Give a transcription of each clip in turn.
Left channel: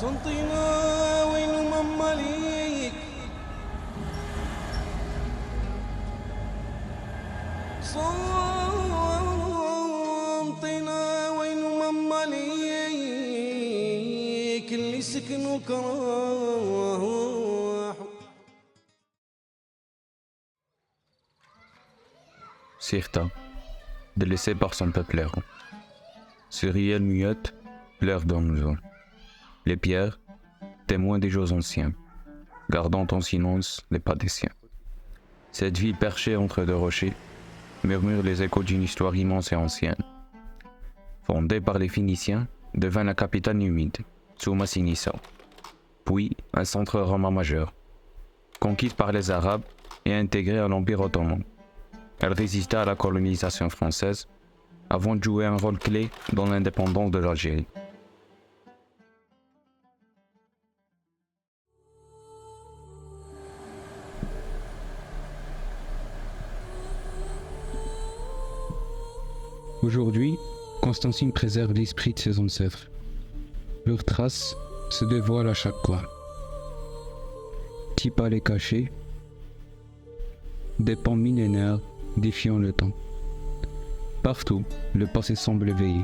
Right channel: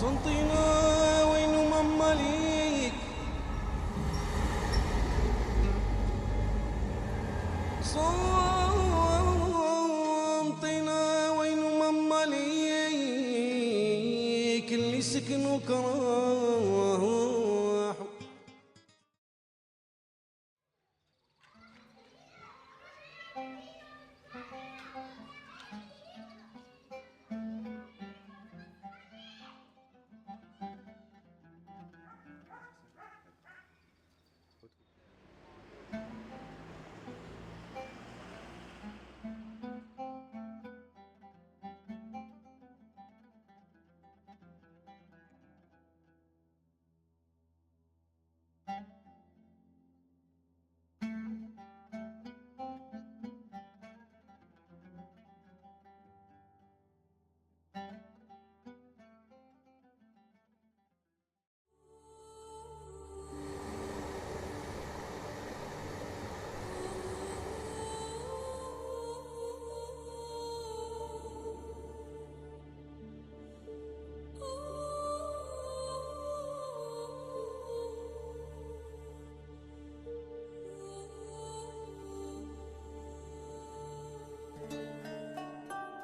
صنطينا وين ماما ليك صنطينا وين ماما ليك اللي سكنوا كراهوا. Sirta, délaissé par son peuple errant. Cyrielle muette pleure dans nos eaux. Les pierres, témoins des jours anciens, gardant en silence les pas des siens. Cette ville perchée entre deux rochers murmure les échos d'une histoire immense et ancienne. Fondée par les Phéniciens, devint la capitale numide, Tsuma Sinissa, puis un centre romain majeur. Conquise par les Arabes et intégrée à l'Empire ottoman, elle résista à la colonisation française avant de jouer un rôle clé dans l'indépendance de l'Algérie. Aujourd'hui, Constantine préserve l'esprit de ses ancêtres. Leurs traces se dévoilent à chaque coin. Petits palais cachés, des pans millénaires défiant le temps. Partout, le passé semble éveillé,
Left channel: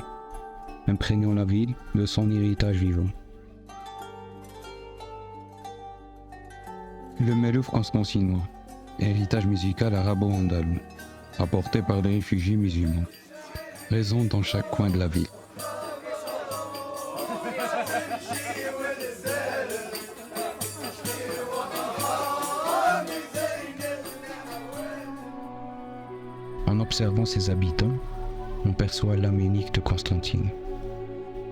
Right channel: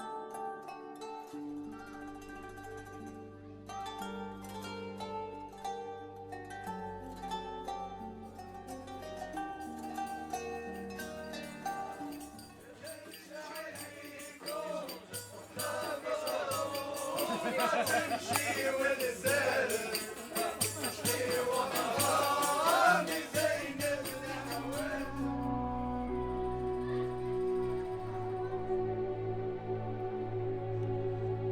imprégnant la ville de son héritage vivant. Le Melouf constantinois, héritage musical arabo-andalou, apporté par des réfugiés musulmans, résonne dans chaque coin de la ville. En observant ses habitants, on perçoit l'âme unique de Constantine.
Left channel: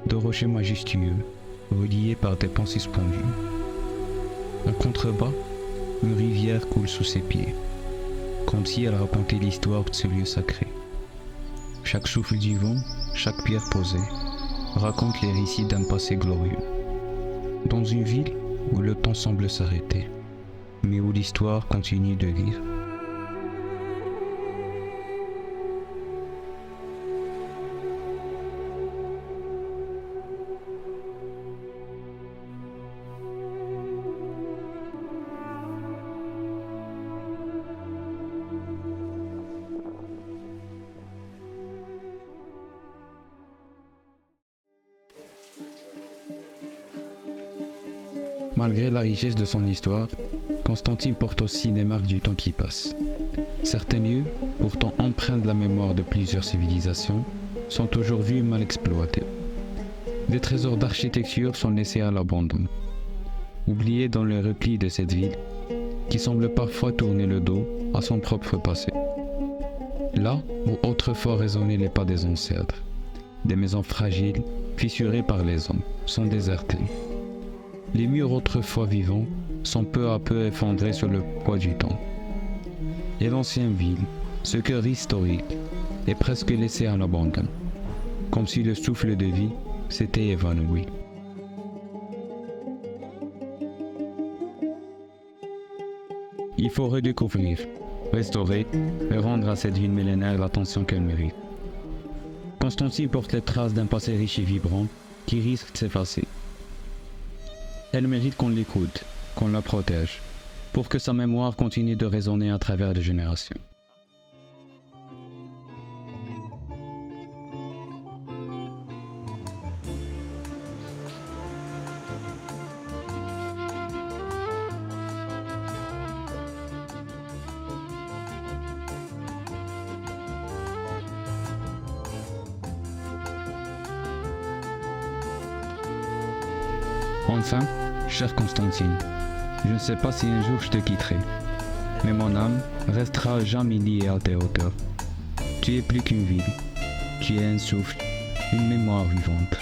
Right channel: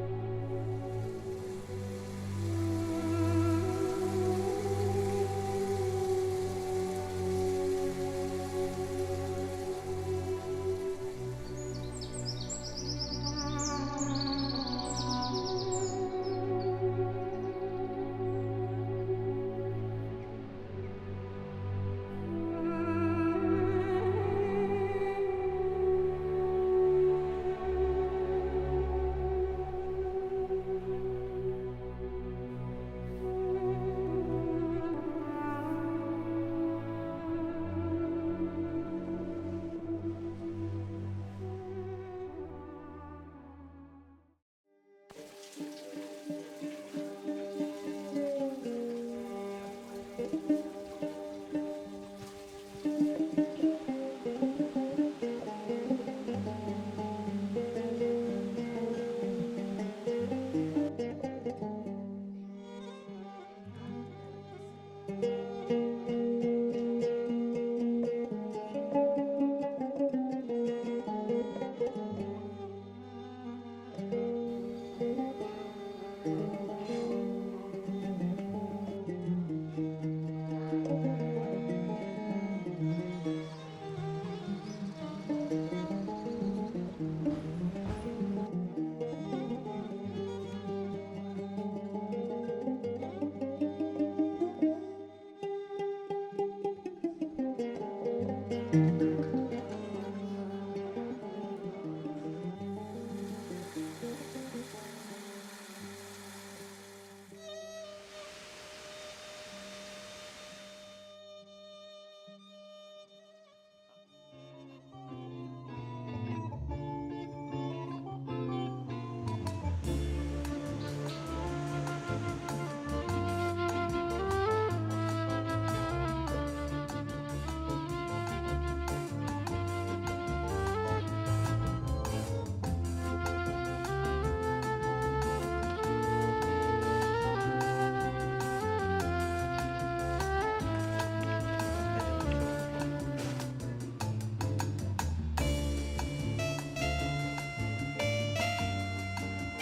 De rochers majestueux, reliés par des pans suspendus. En contrebas, une rivière coule sous ses pieds, comme si elle racontait l'histoire de ce lieu sacré. Chaque souffle du vent, chaque pierre posée, raconte les récits d'un passé glorieux. Dans une ville où le temps semble s'arrêter, mais où l'histoire continue de lire. Malgré la richesse de son histoire, Constantine porte aussi les marques du temps qui passe. Certains lieux, pourtant empreints de la mémoire de plusieurs civilisations, sont aujourd'hui mal exploités. Des trésors d'architecture sont laissés à l'abandon, oubliés dans le repli de cette ville, qui semble parfois tourner le dos à son propre passé. Là où autrefois résonnaient les pas des ancêtres, des maisons fragiles, fissurées par les hommes, sont désertées. Les murs autrefois vivants sont peu à peu effondrés sur le poids du temps. Et l'ancienne ville, ce cœur historique, est presque laissé à l'abandon, comme si le souffle de vie s'était évanoui. Il faut redécouvrir, restaurer et rendre à cette ville millénaire l'attention qu'elle mérite. Constantine porte les traces d'un passé riche et vibrant qui risque de s'effacer. Elle mérite qu'on l'écoute, qu'on la protège, pour que sa mémoire continue de résonner à travers les générations. Enfin, chère Constantine, je ne sais pas si un jour je te quitterai, mais mon âme restera jamais liée à tes hauteurs. Tu es plus qu'une ville, tu es un souffle, une mémoire vivante.